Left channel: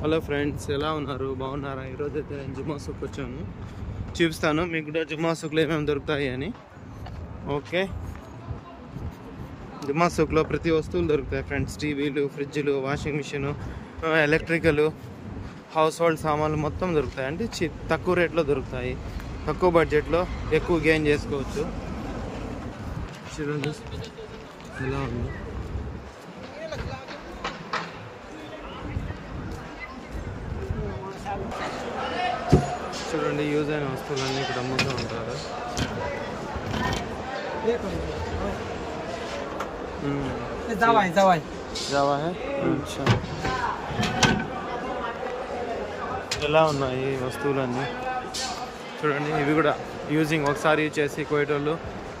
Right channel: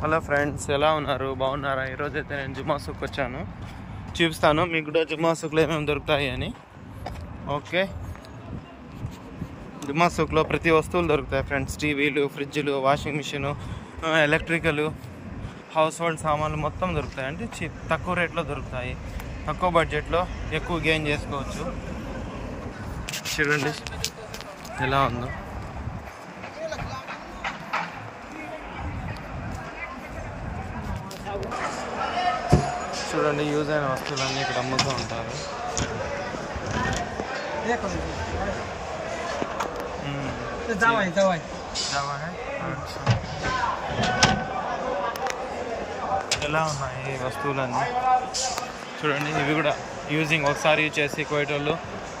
Hello friends, ఎలా ఉన్నారు? బాగున్నారా? ఈరోజు అయితే నేను జుమ్మా సూక్ వచ్చాను. చూపిస్తాను మీకు కూడా జుమ్మా సూక్లో ఏమేమి దొరుకుతాయి అని. ఓకే, జుమ్మా సూక్లో ప్రతి వస్తువులు దొరుకుతాయి ఫ్రెండ్స్. టీవీలు, ఫ్రిడ్జ్లు, washing machine, electrical, household సామాన్లు మొత్తం దొరుకుతాయి. అంటే తక్కువ రేట్లో దొరుకుతాయి. తక్కువ బడ్జెట్లో ఎక్కువ గెయిన్ చేసుకోవచ్చు. చూడండి ఎలా ఉందో. చూడండి, యూజ్ అయిన వస్తువులన్నీ ఇక్కడ అమ్ముతూ ఉంటారు. ఎలా ఉన్నాయి వస్తువులన్నీ చూడండి. ఇవి కూడా యూజింగ్, ఒకసారి యూజ్ చేసి కోయేటోళ్ళు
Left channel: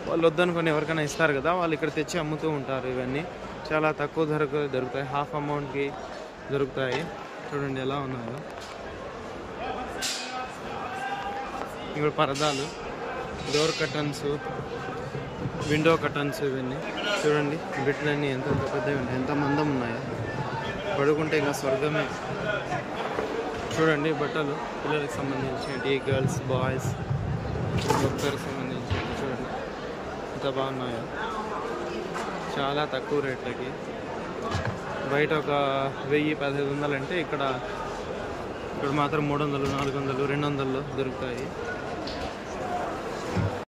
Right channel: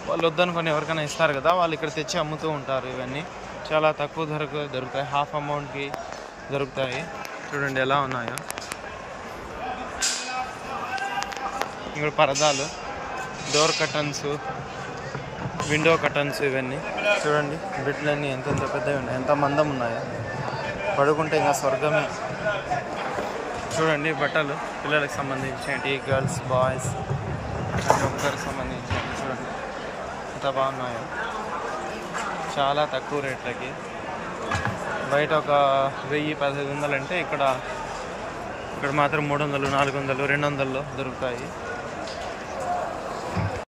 వాళ్ళు వద్దనుకొని ఎవరికైనా ఇస్తారు కదా, వాళ్ళు ఇక్కడ తెచ్చి అమ్ముతూ ఉంటారు. ఇవన్నీ చాలా తక్కువ ధరకు దొరుకుతాయి. హాఫ్ అమౌంట్కి దొరుకుతాయి. చూడండి ఎలా ఉన్నాయో. ఇక్కడ పరదాలు, డోర్ కర్టన్స్, విండో కర్టన్స్, ఇవన్నీ చూడండి. బిడ్లన్నీ ఎంత పెద్దవి ఉన్నాయి, ఎంత మందం ఉన్నాయో. పడుకుంటే ఇంకా స్వర్గమే. చూడండి బట్టలు, పిల్లలకు సంబంధించినవి, గర్ల్స్, బాయ్స్, ప్రతి ఒక్కరికి సంబంధించినవి. చూడండి ఎంత బాగున్నాయో. చాలా తక్కువ రేట్లకి. బయట ఒక 1000-1500 అంటే ఇక్కడ మాత్రం 300, 400, 200లో దొరుకుతాయి.